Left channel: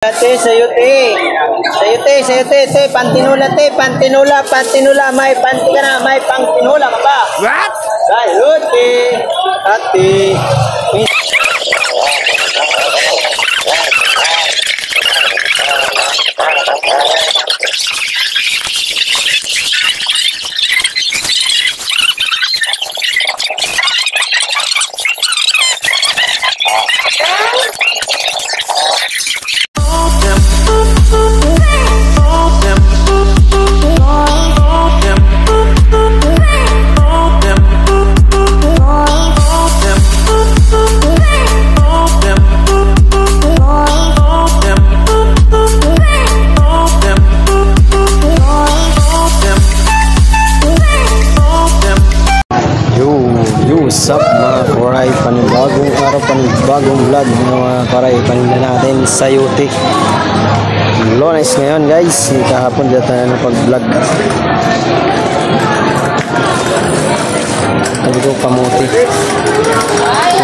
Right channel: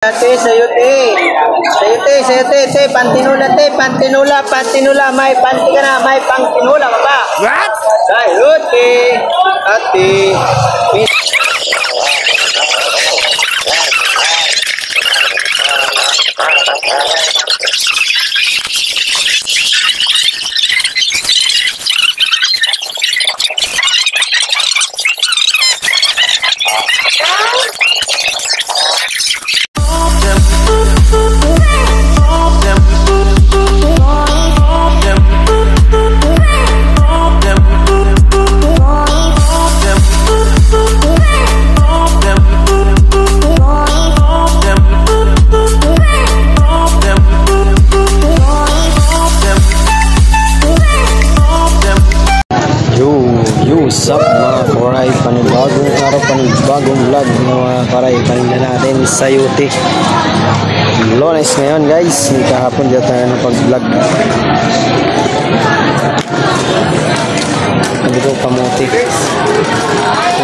Ate, sayote. Sayote, pantinula, may panti ka na, may pantinula ka ba? What? Sayote, ate. What's up mga koray, panibagong araw, panibagong vlog mga koray, paninda natin sayote. Lunes ngayon guys, kahapon dito tayo ng pag-vlog. Sabi ko kamuti,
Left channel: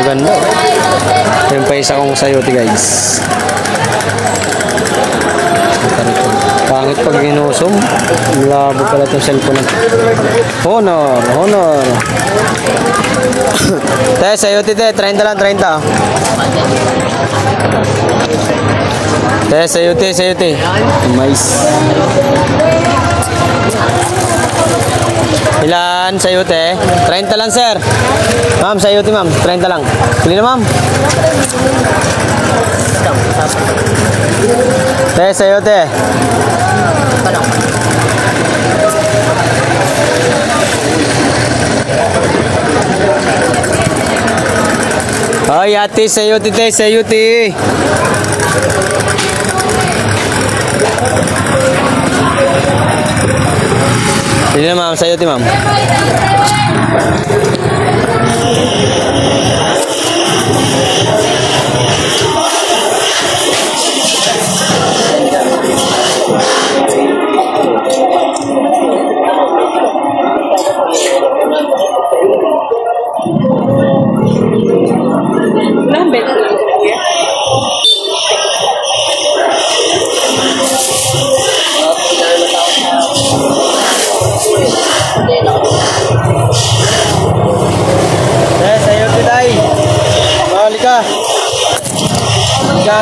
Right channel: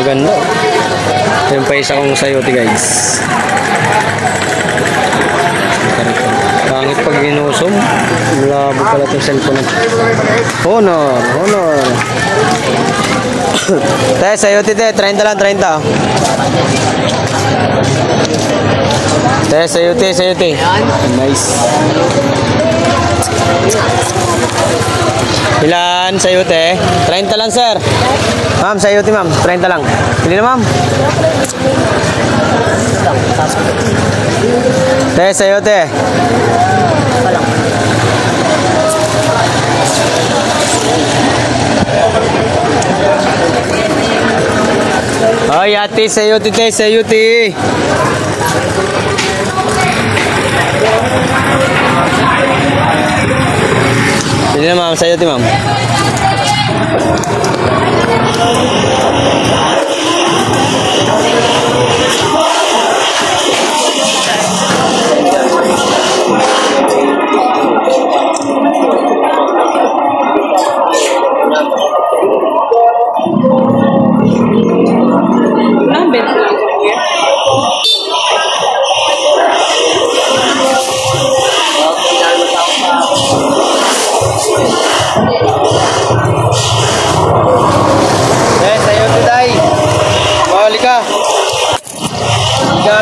maganda. Yung pa isa kong sayote guys. Pangit pag ginusom, malabo pala itong cellphone. Honor Te, sayote te, 30 lang, 30. Te, sayote. Mais. Ilan sayote? 30 lang, sir. Ma'am, sayote ma'am, 30 lang. Pili na ma'am. Te, sayote. Ay, ate, sayote te, sayote. Pili na ma'am, sayote ma'am.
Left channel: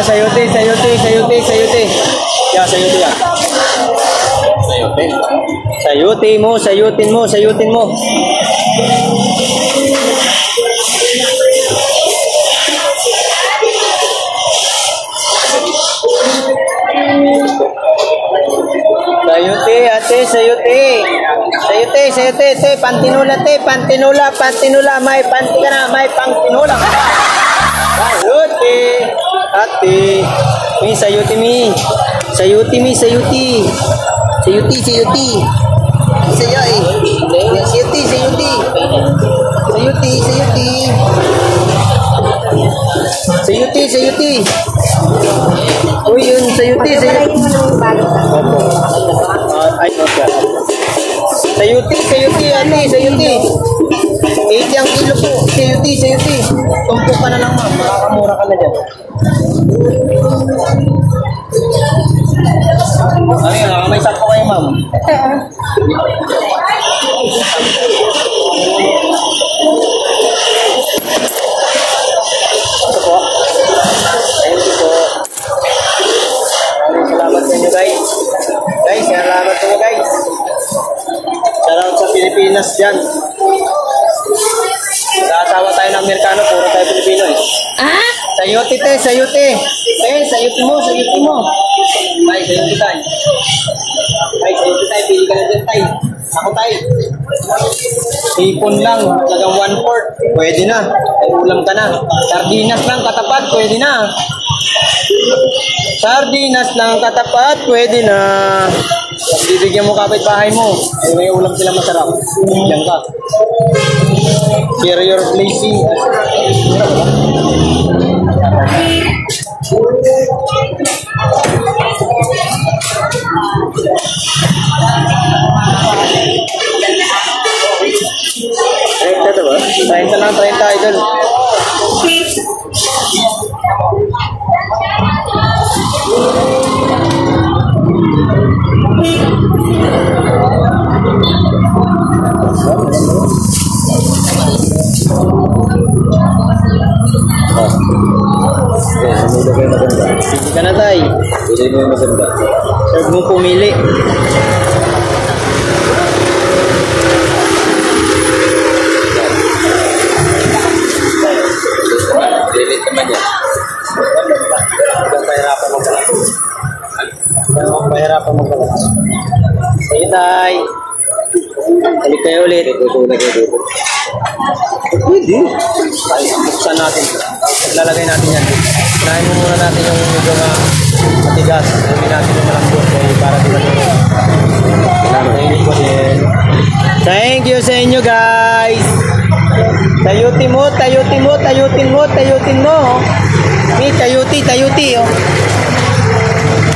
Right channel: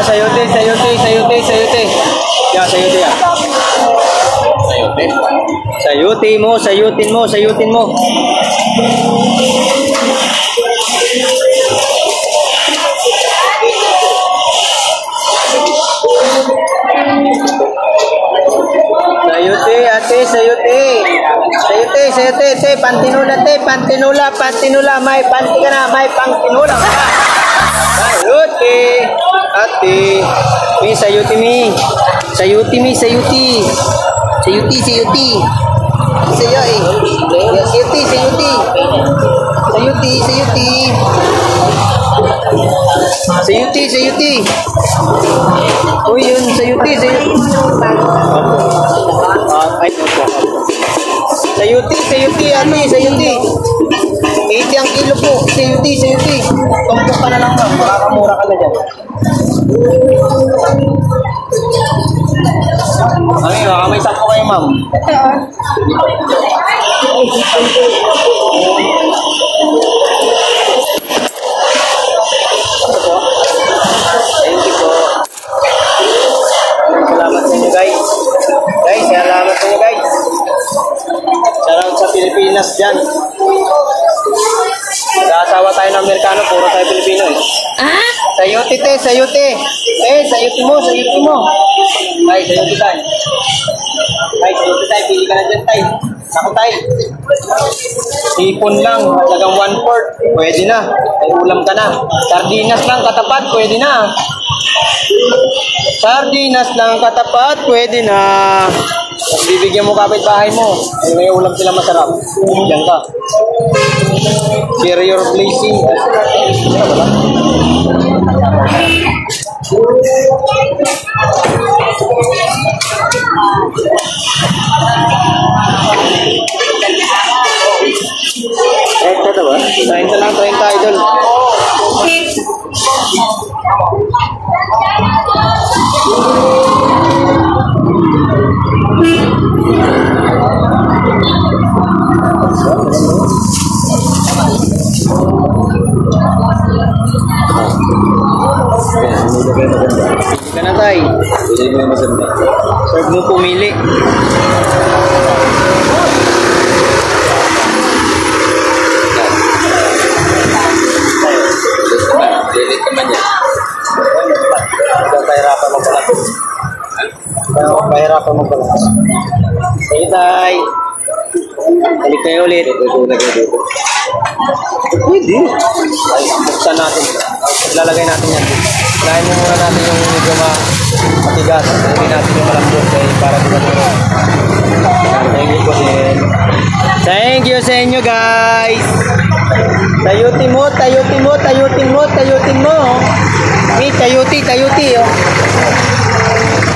Sayote. Ya, sayote ya. Sayutin mo. Sayote, ate, sayote. Sayote, pantinula, may panti ka na, may pantinula. Sayote, ate. Sayuti. Oh, yun, sayuti. Sayuti, ate, sayuti. 80 ang kilo po, sayuti. Tumpok ka na lang ma'am, makakamura ka na dyan. Ay, may sakto kayo ma'am. Ito po. Thank you po. Salamat sa inyo guys. Salamat sa inyo guys. Shoutout sa Pilipinas dyan. Nag-aasawa tayo ng Amerikano, puro tayo Pilipino eh. Sayote te, sayote. Sayote mo. Tay, sayote tayo. Pili ka na dyan tay. Ako tay. Sipon lang, halagang 1/4. Pwede na. Ay ulam ka na. Sardinas lang katapat, pwede na. Pwede na. Bibigyan mo kapitbahay mo. Ay may ulam sila masarap. Diyan ka. Share your blessing. Ito ba? 30 lang, 30 idol. tay. Pili mo yung maganda. Huwag mo pumili. Lilit naman yan. Pahirapan magbalas. Pahirapan magbalas. Sige tay. Balik kayo ulit. Pwede. Buksan natin. Lalagay natin yan. Unahin mo muna natin yung medyo matigas. Hindi natin yung malambot para di maturo. Thank you sa inyo guys. Tayutin mo, tayutin mo, tayutin mo, tayutin mo. Mi, tayuti, tayuti oh.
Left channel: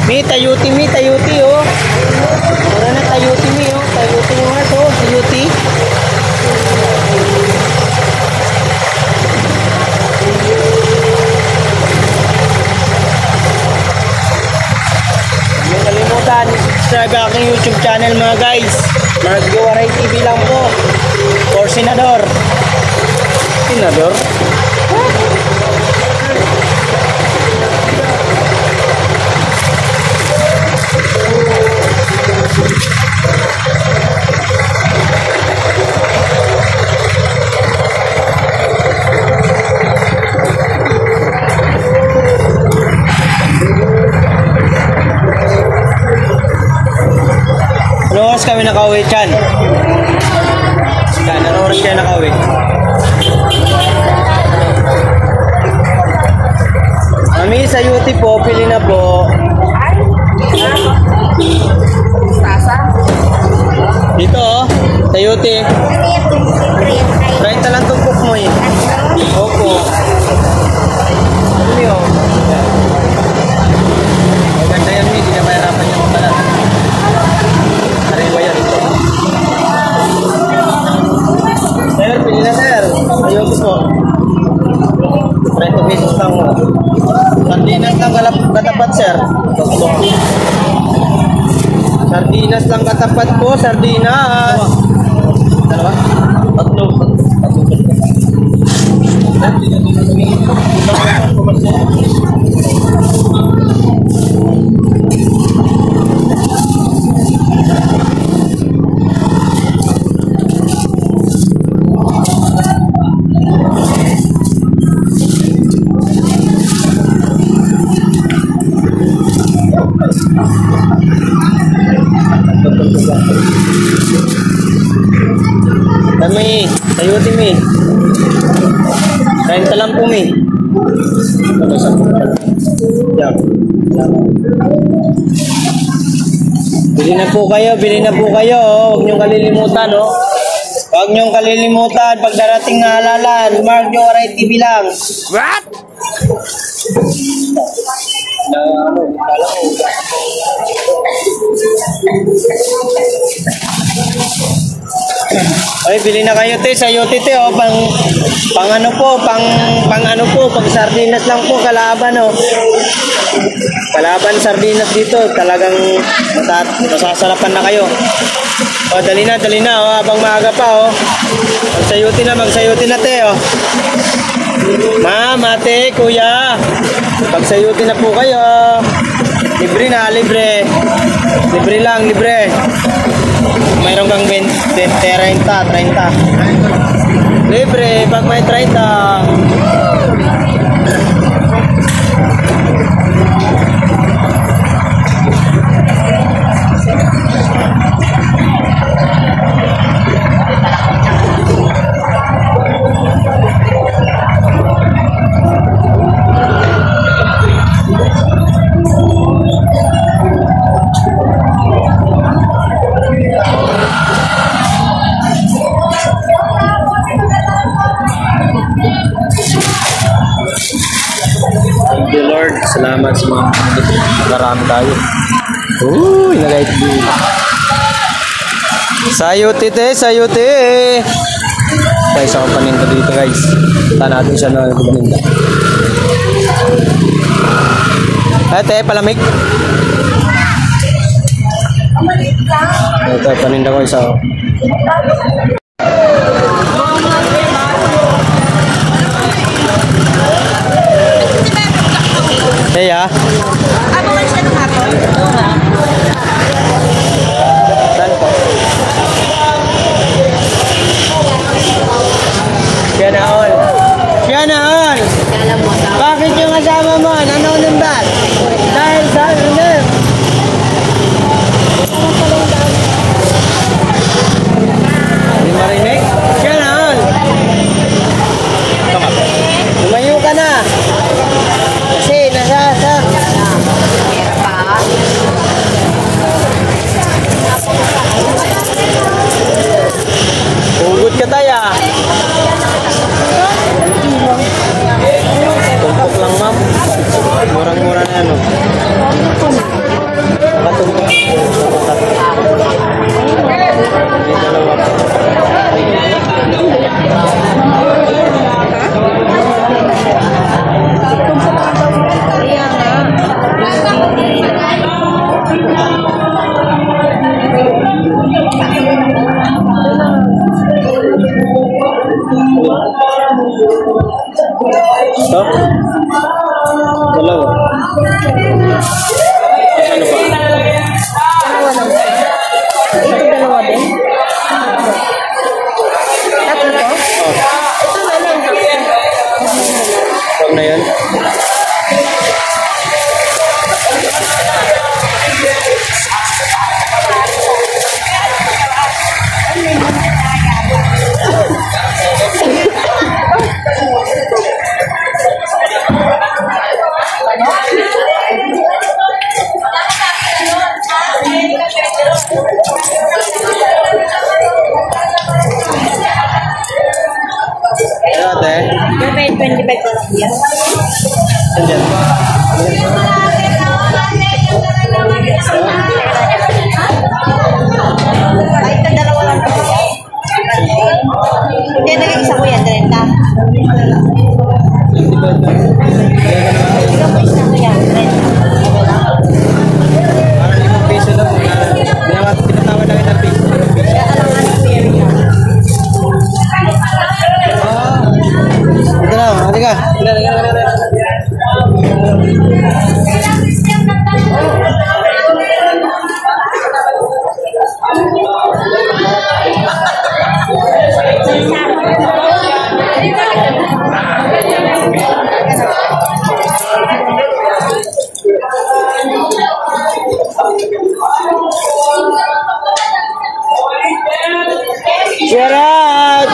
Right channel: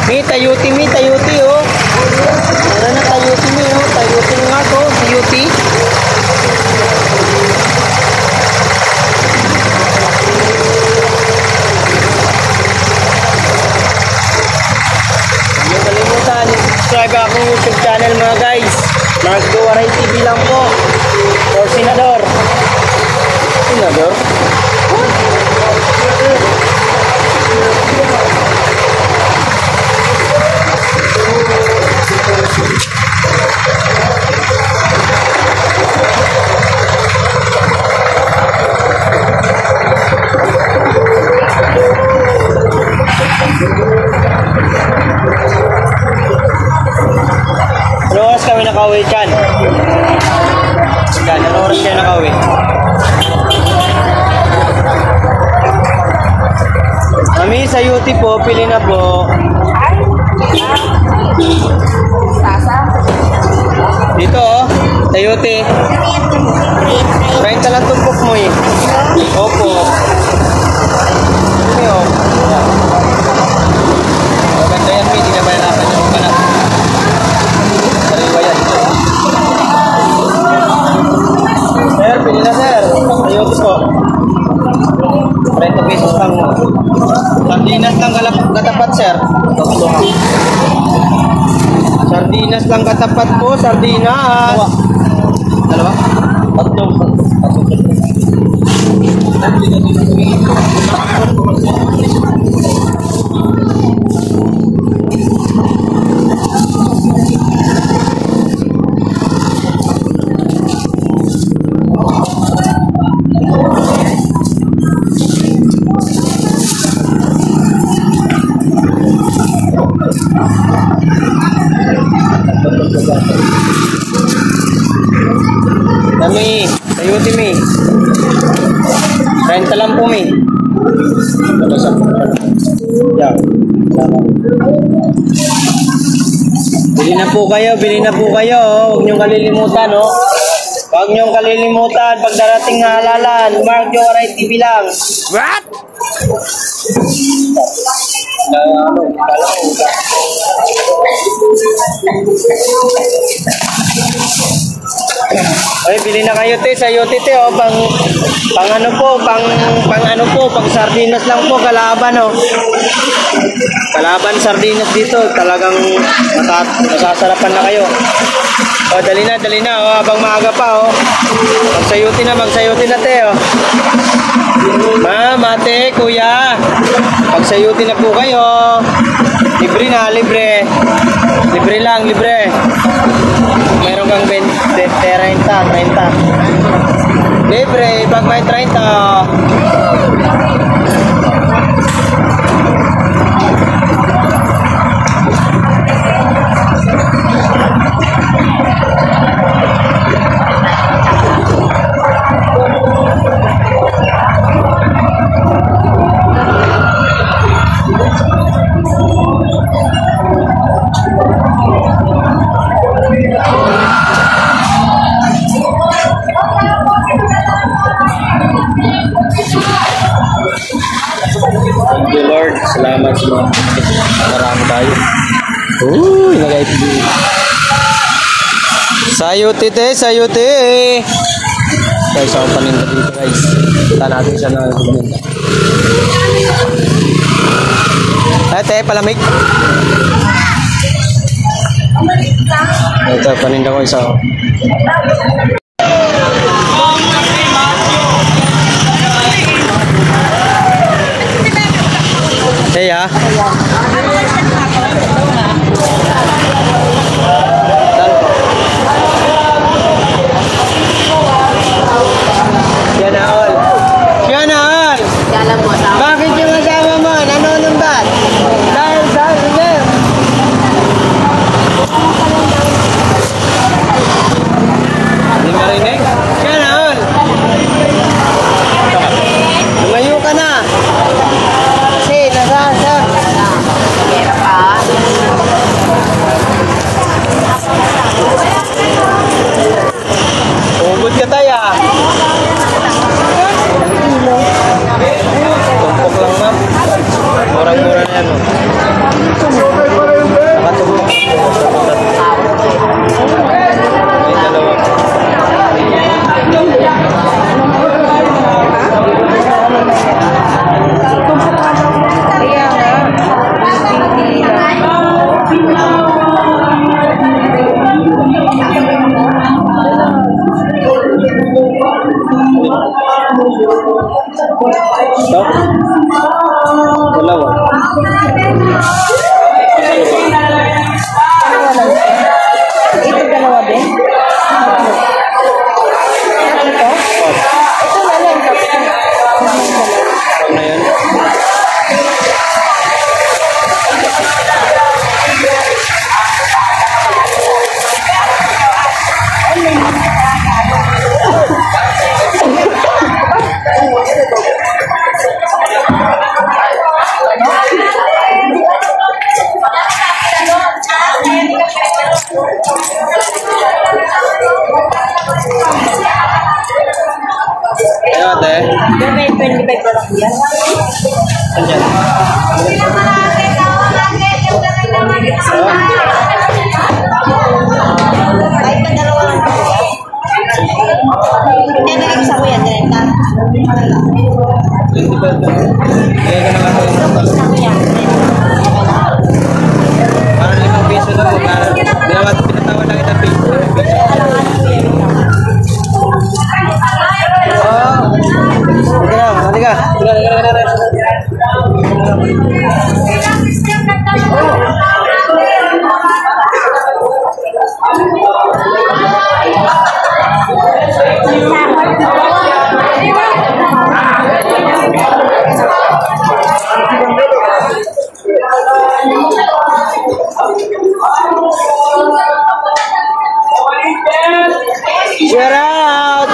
Mi, tayuti oh. Meron na tayuti mi oh. Tayuti yung ako, tayuti. Huwag kalimutan, subscribe ang aking YouTube channel mga guys. Mark Jowaray TV lang po. For Senador. Senador? Ano oras kami nakauwi dyan? Ano oras siya nakauwi? Mami, sa UT po, pili na po. Dito oh, sa UT. 30 lang tumpok mo eh. Opo. Ano yun? O, ganda yan, hindi ka mahirapan yung makalat. Sariwa yan. Sir, pili na sir. Sa UT po. 30 pesos lang mo. Sardinas lang katapat, sir. Sardinas lang katapat po, sardinas. Dalawa? Tatlo. Kami, sayuti mi. 30 lang po mi. Bili na po kayo, bili na po kayo. Huwag niyong kalilimutan, oh. Huwag niyong kalilimutan. Pag darating na halalan, Mark Jowaray TV lang. What? Ay, bili na kayo te, sa UT te, oh, pang ano po, pang sardinas lang po, kalaban, oh. Kalaban sardinas dito, talagang masasarapan na kayo. Oh, dali na, oh, habang maaga pa, oh. Magsayuti na te, oh. Ma'am, ate, kuya, pagsayuti na po kayo. Libre na, libre. Libre lang, libre. Meron kang 30. Libre, pag may 30. Thank you Lord, salamat sa mga marami tayo. Uy, nagait din. Sayuti te, sayuti. Guys, ako paninda dito guys. Saan natin siya na paninda. Ate, palamig. Ito, paninda ko isa. Hey, 25 na lang yan. Ayan. Kahit na dalawa lang po yan. Hindi naging isa mo yan, 30. Isa mo yan, 30. Okay lang. Parang 5 piso lang. Pinatawa lang kita piso. Kaya alangan ko yan lang. Ito na, halika. Share out!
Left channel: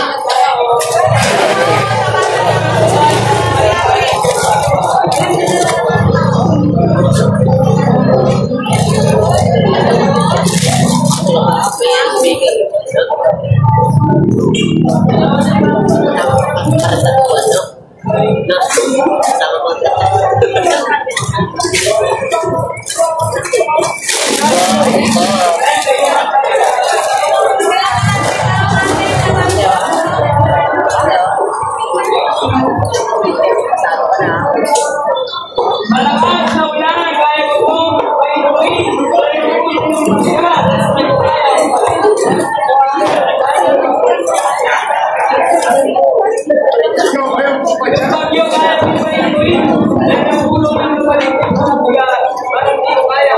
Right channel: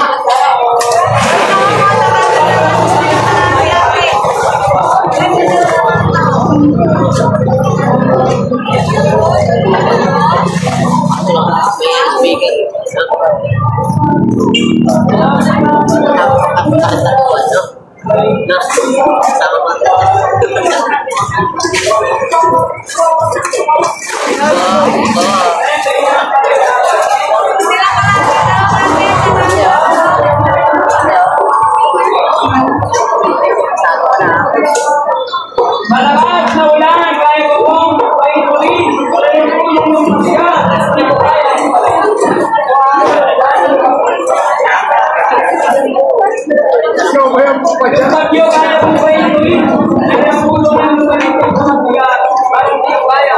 Malakas na ulan, kaya ko pong painulit. Sa bagyo, kaya kong painulit. Nagkapulong ng lumalik ang mga buyan. Parang di kaya.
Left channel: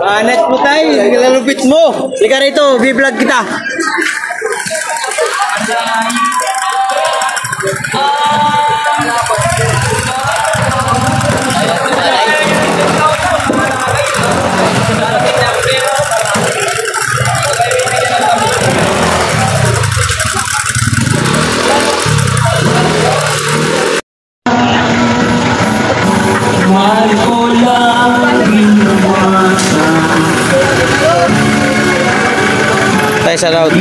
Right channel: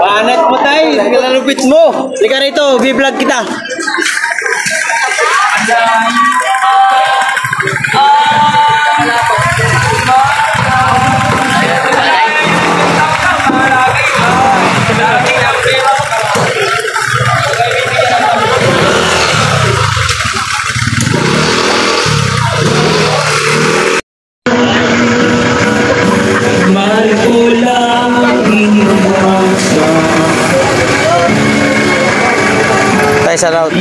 Kanet mo tayo, nalupit mo. Ika rito, biblog kita. Tayo sa route.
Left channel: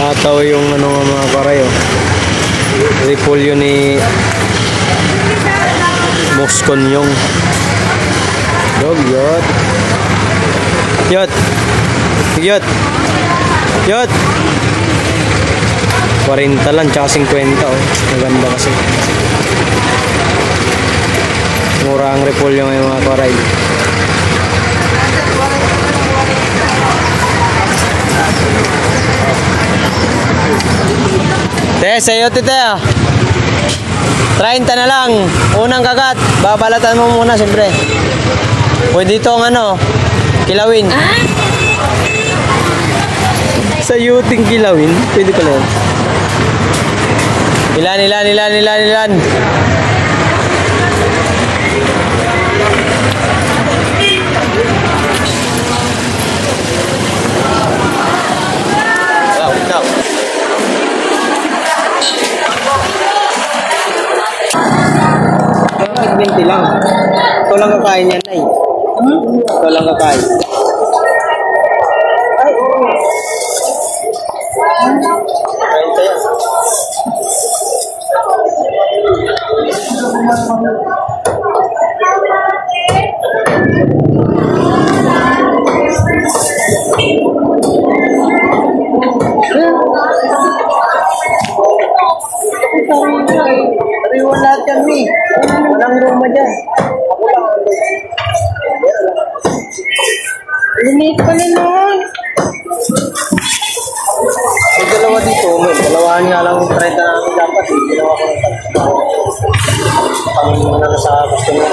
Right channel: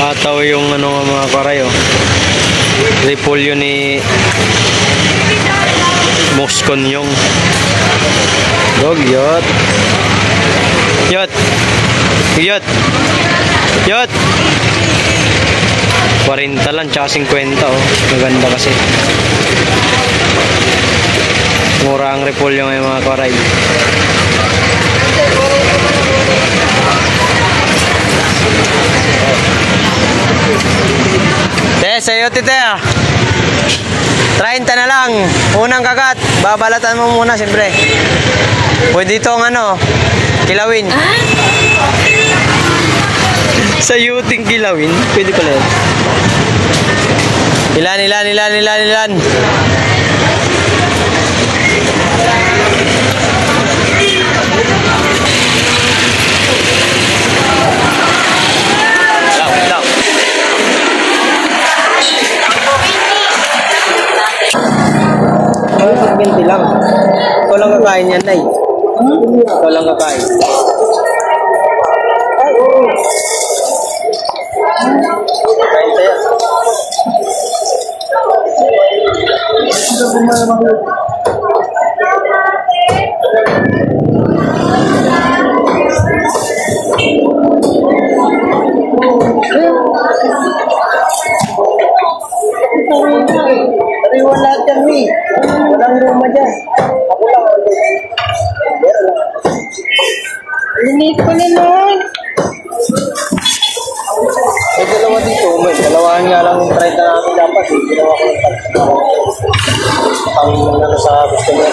Ataw yung ano nga mga karay, oh. Repolyo ni Moscon yung dog, yot. Yot. Yot. Yot. 40 lang, tsaka 50, oh. Maganda kasi. Mura ang repolyo ngayon mga karay. Sa'yo tite, 30 na lang. Unang kagat, babalatan mo muna siyempre. Pwede itong ano, kilawin. Sayuting kilawin, pwede pala yun. Ilan. Pag-20 lang. Ito lang kakain yan, Nay. Ito lang kakain. Ay, oo. Kain tayo. Pero wala dyan, Mi. Walang roma dyan. Ako lang. Linis ko na nun. May dalawa dito. May dalawahan nga lang yung 30 namin dapat. Ginawa ko ng pang sa gusto mo.